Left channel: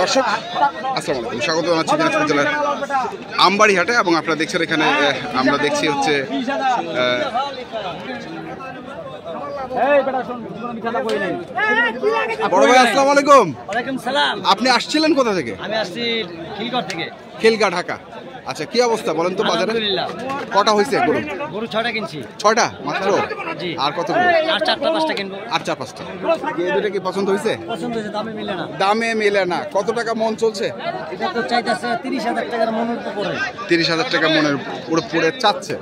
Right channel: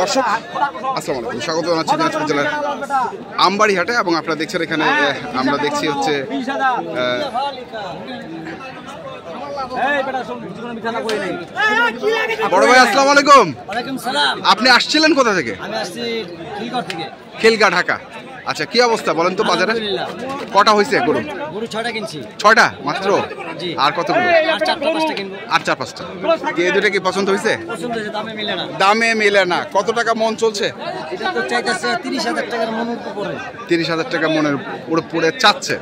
দর্শক আসসালামু আলাইকুম, স্বাগত জানাচ্ছি দিনাজপুর জেলার আমবাড়ি হাটে। এবং আপনারা দেখছেন এখানে আমরা দেখছি হচ্ছে বড় ভাই আসসালামু আলাইকুম। আপনি আসছিলেন কোথা থেকে? আমি আসছি খিলগড় থেকে। খিলগা, ঢাকা। আচ্ছা, কি অবস্থা বলেন তো বাজারে? কটা হয়েছে গরু? গরু 6টা কিনছি। 6টা মাত্র? জি। আর কতগুলো? আর 4টা-5টা কিনবো। আর 4-5টা। এই দুটো কি পছন্দ হয়েছে? পছন্দ হয়েছে, দামে মিলে না। দামে মিলে না। কত টাকা মন চলছে? এটা তো চাইতেছে 30,000 টাকার মনের উপরে। 30,000 টাকা মনের উপরে চাচ্ছে।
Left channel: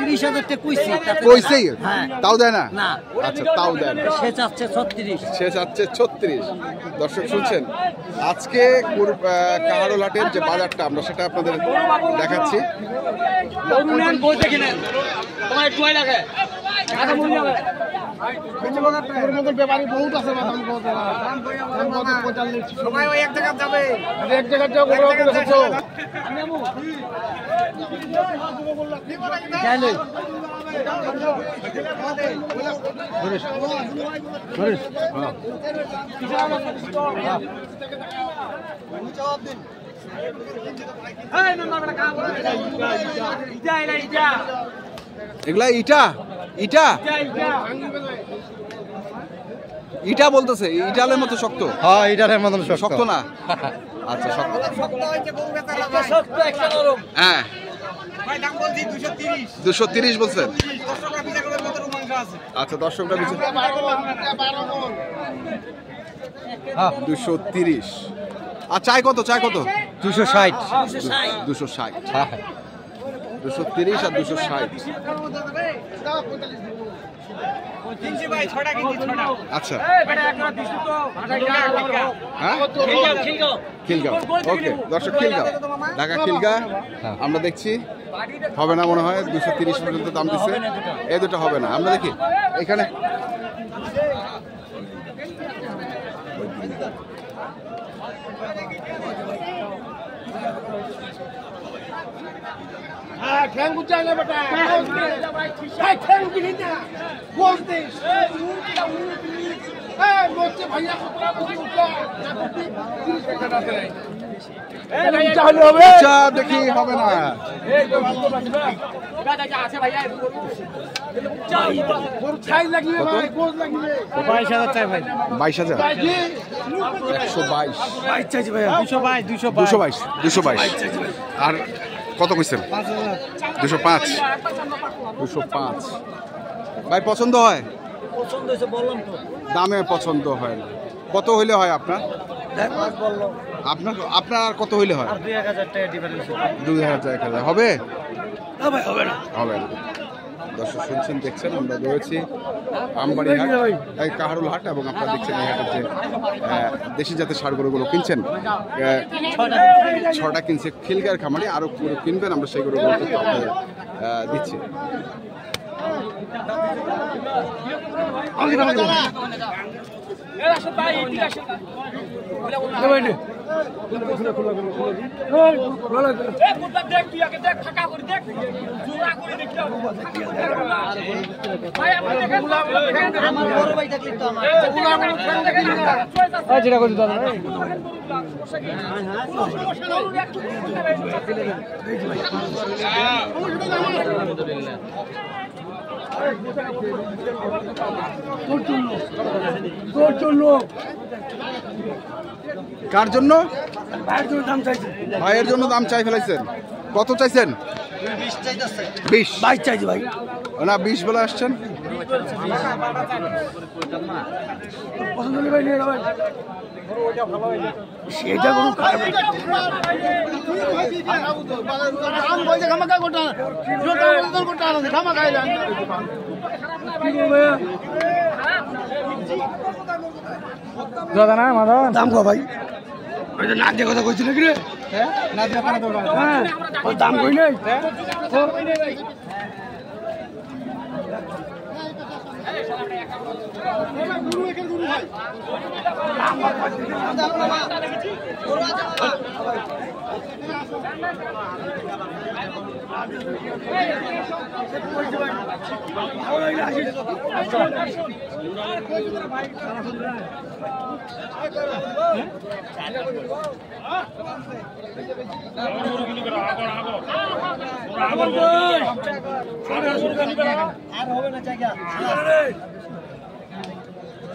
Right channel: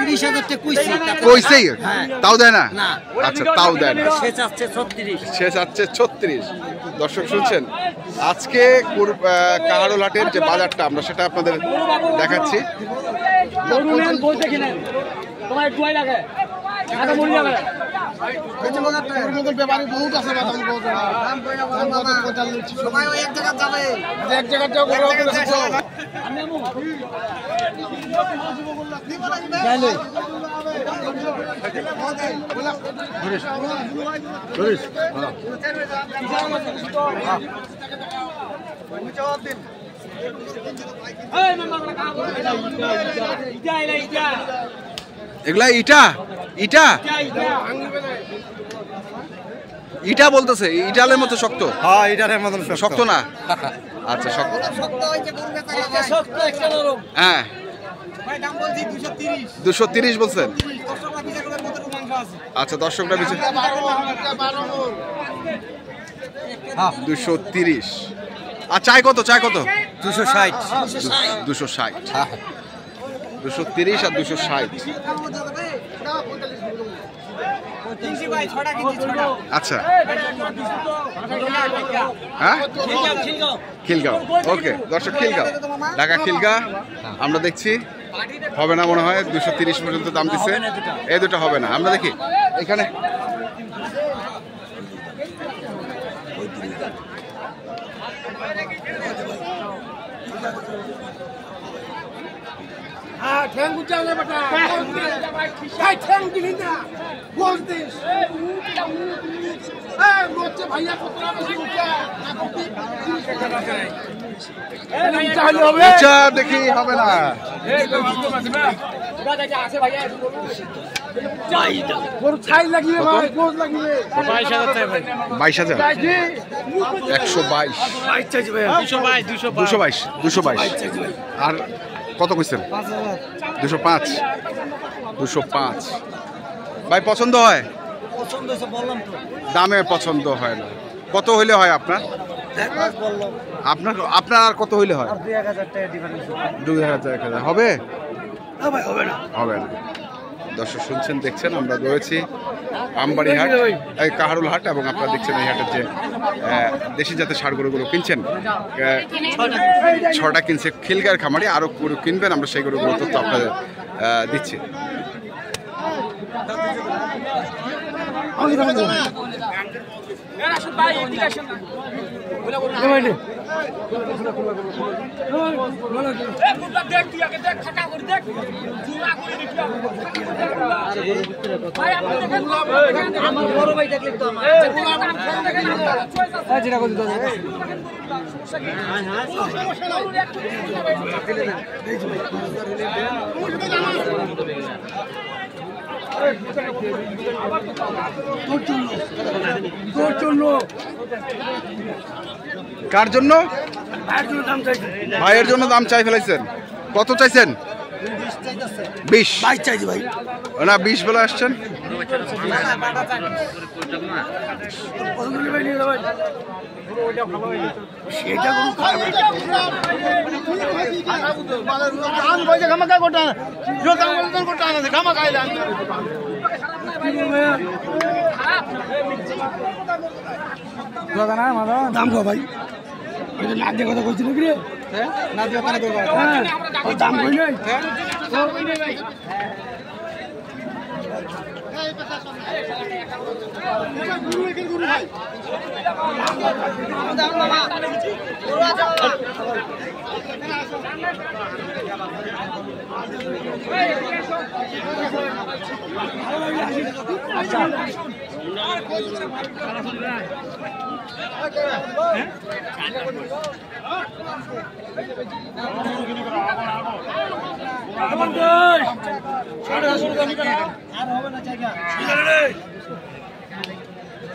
30,000 টাকা কইছি। কইছেই? হ্যাঁ। তাও দেয় না? না। আচ্ছা, তাও দেয় না। সে চাচ্ছে 36। সে চাচ্ছে 36। দর্শক শুনছেন, আজকে কাহারোল হাটের যে বাজারটা আমরা সেটা আপনাদের দেখাচ্ছি। এগুলা ইটা ইটা ইটা বলতেছে, ইটালের মতো শক্ত? হ্যাঁ, ইটালের মতন শক্ত না? আচ্ছা, শক্ত। হ্যাঁ, 230 বলছেন? আচ্ছা, দর্শকরা পিছনে 230। আর চাই কত? চাই কত? 260। 260। 230 আর 260। আচ্ছা, হ্যাঁ, খিলগাঁও। ওকে দর্শক, খিলগাঁও, ঢাকা খিলগাঁও আমরা দেখছি। হবে না মনে হয়, 230 পর্যন্ত দাম দিচ্ছে। এই দুটো হবে না। আমরা দেখি এখানে দেখি হবে না। 22,000। 222। আর কত কইছেন? 205। 205। ভাই পছন্দ হয়? পছন্দ হয়েছে বললাম তো। দামে পছন্দ হয় না। কত হইলে হয় আপনার? আপনার আর কত হইলে হয়? 2,000 টাকা ডিফারেন্স। 2,000 হবে? হবে না। হবে না। দর্শক শুনছেন, দেখছেন আমরা রয়েছি আমবাড়ি হাট, কাহারোল হাট। এবং আপনারা দেখছেন এই হাটের যে দেশি জাতের ষাঁড় গরুগুলো কিনছেন, 6টা কিনছে খিলগাঁর খামারি। আরো গরু কিনবেন, আমরা সেই গরুগুলো তথ্য আপনাদের দিচ্ছি। কার জন্য? ভাইয়ের জন্য দাম চাই ফেলাইছেন। কত চাইছেন? 20। ভাই না, 20 বলে আসছেন। দাম কো ভাই? ওই যে নাক দিয়ে কথা কইছিল কি রে? হ্যাঁ, ওই দাম কইলে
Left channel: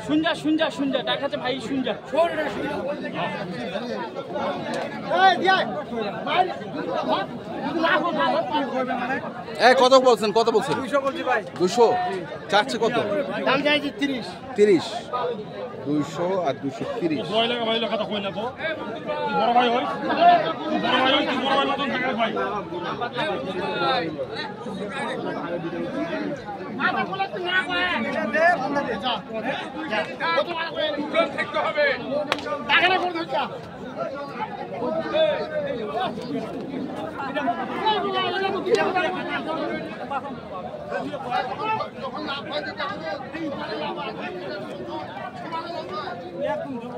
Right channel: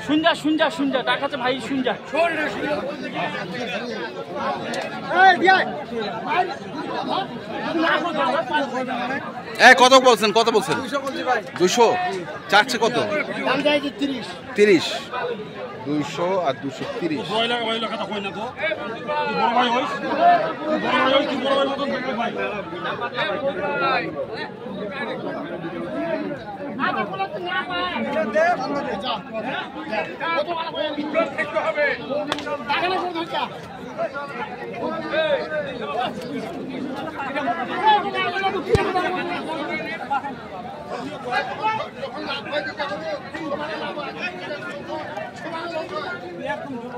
শুনজা শুনজা শুনজা দেখাচ্ছে ভাই শুনজা কত বলছেন 200 চাচ্ছে কত 30 200 আর 230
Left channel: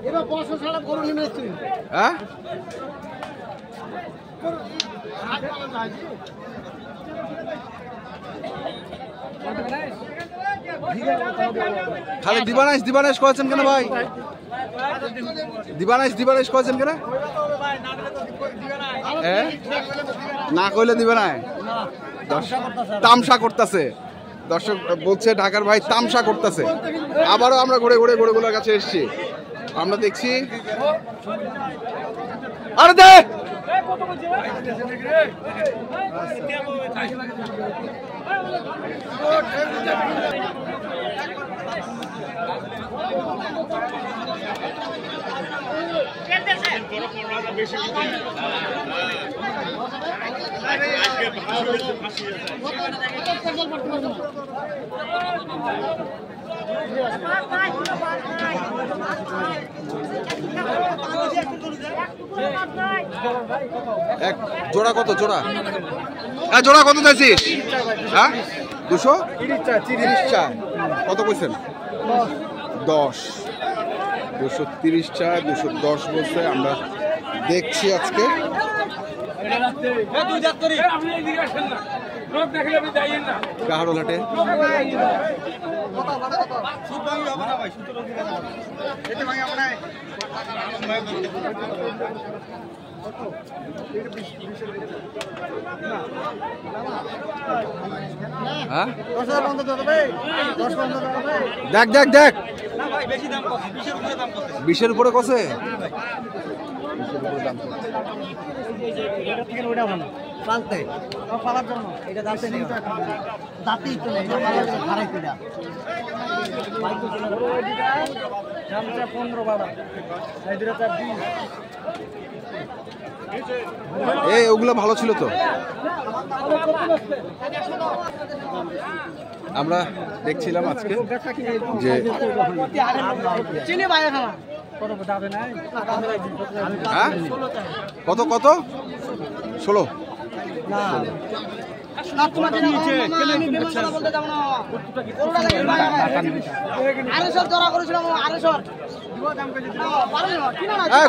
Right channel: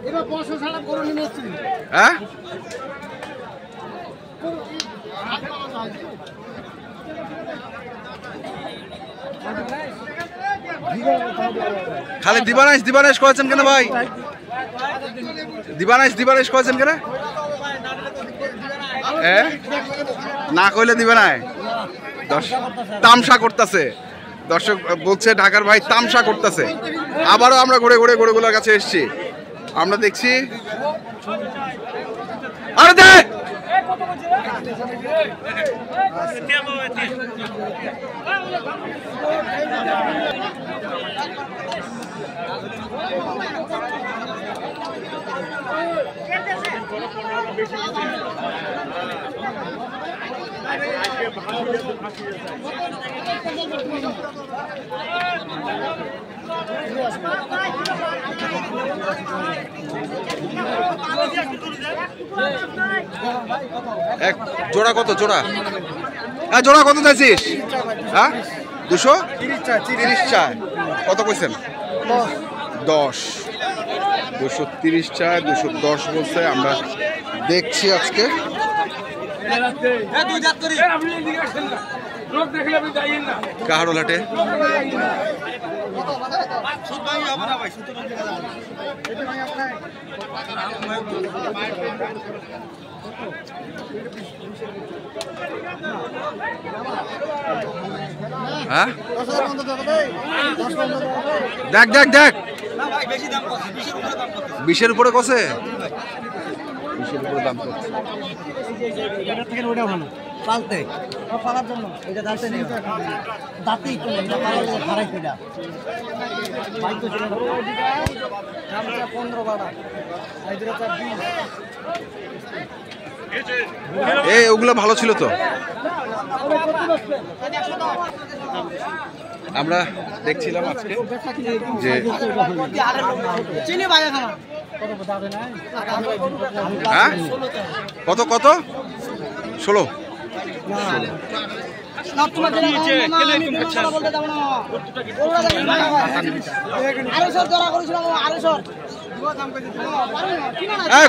এবার 500 ছাড়া করে নিয়ে আসছি হ্যাঁ খালি দিবানাইশ করেছেন কেন ভাই দিবানাইশ করেছেন কেন না কইলে দিবে না তামসা করতেছে দর্শক বলছে ঢাকার ভাই তামসা করতেছে আবারও আমরা ঘুরে ঘুরে গরুগুলোর কাছে এসেছি আমরা দেখছি আরে দে এক জোড়া কত জোড়া জোড়া কত চাইছিস হ্যাঁ 230 চায় কত কইছেন 10 230 চায় 210 বলছে আমরা দেখছি আজকে কাহারোল হাটে হ্যাঁ দেখ দেখ দেখ 20-এর উপরে কসে 20-এর উপরে দাম পালতে পালার জন্য এটা দাঁতে নেই দাঁতেই তো নেই হারাই কইরা দামটা 15 বাড়া এই দুটো 20 এই ওগুলো ভালো ছিল তো আমরা দেখছিলাম আজকে যে চিনি ভাই এখন কত দাবে নাই হ্যাঁ কত কত 16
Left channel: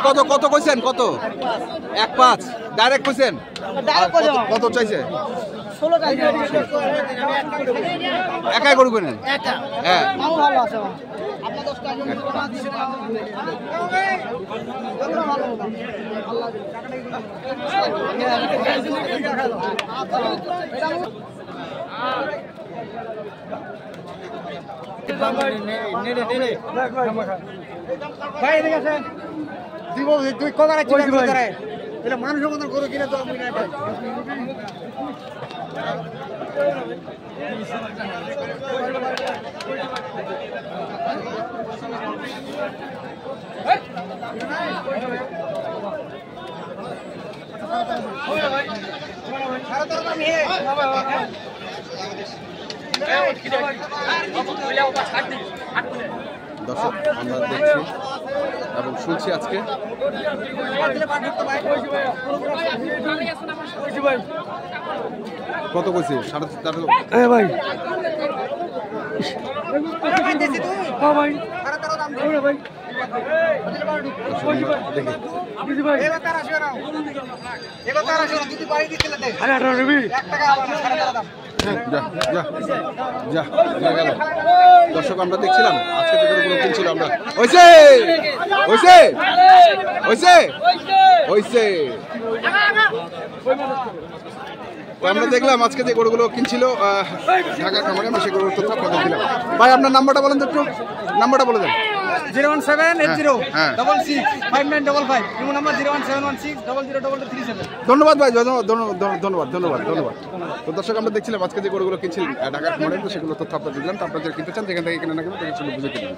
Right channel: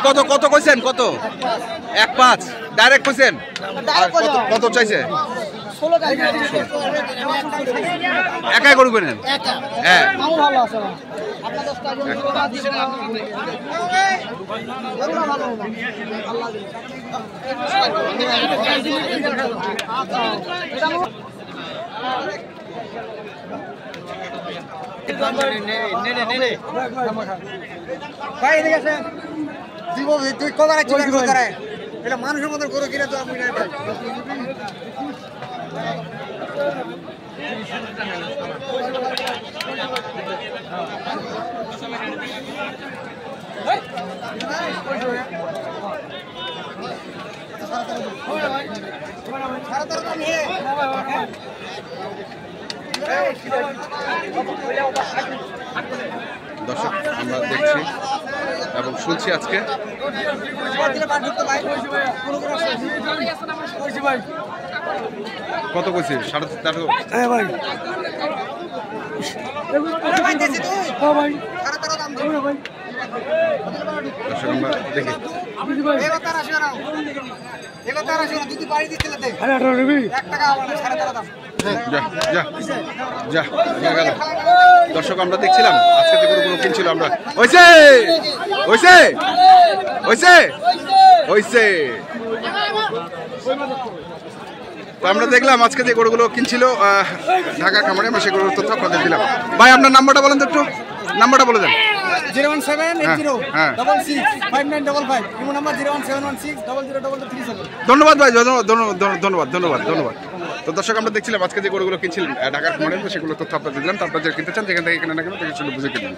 কত কত কইছেন কত 1.5 ডাইরেক্ট কইছেন আর কত চাইছে একাই গরু কিনেন হ্যাঁ মানুষের মতো গরু কিনে তো আপনি দর্শক আমরা দেখছি এবং শুনছি আজকে কত কইছে 4.5 ভাই ভাই দর্শক আমরা দেখি যা যা যা হয়ে গেল। দর্শক আমরা দেখছিলাম আজকে যে গরুগুলো কিনছিল আমরা হইছে হইছে হইছে হইছে। তো আমরা দেখলাম আজকে যে গরুগুলো কিনছিল ঢাকা খামারে, আমরা সেই গরুর তথ্য আপনাদের দিলাম। ভাই আপনার নাম্বারটা বলেন তো একটু, নাম্বারটা বলে দেন। 01780565955 ইমো নাম্বার 01716002237। ধন্যবাদ ভাই, ধন্যবাদ ধন্যবাদ ধন্যবাদ। তো দর্শক আমরা দেখছিলাম আজকে যে গরুগুলো কিনছিলেন ঢাকার খামারে, সেগুলো তথ্য আপনাদের দিলাম। তো আপনারা যারা কিনতে চান যেখান থেকে কিনে না কেন সেটা বুঝে কিনবেন।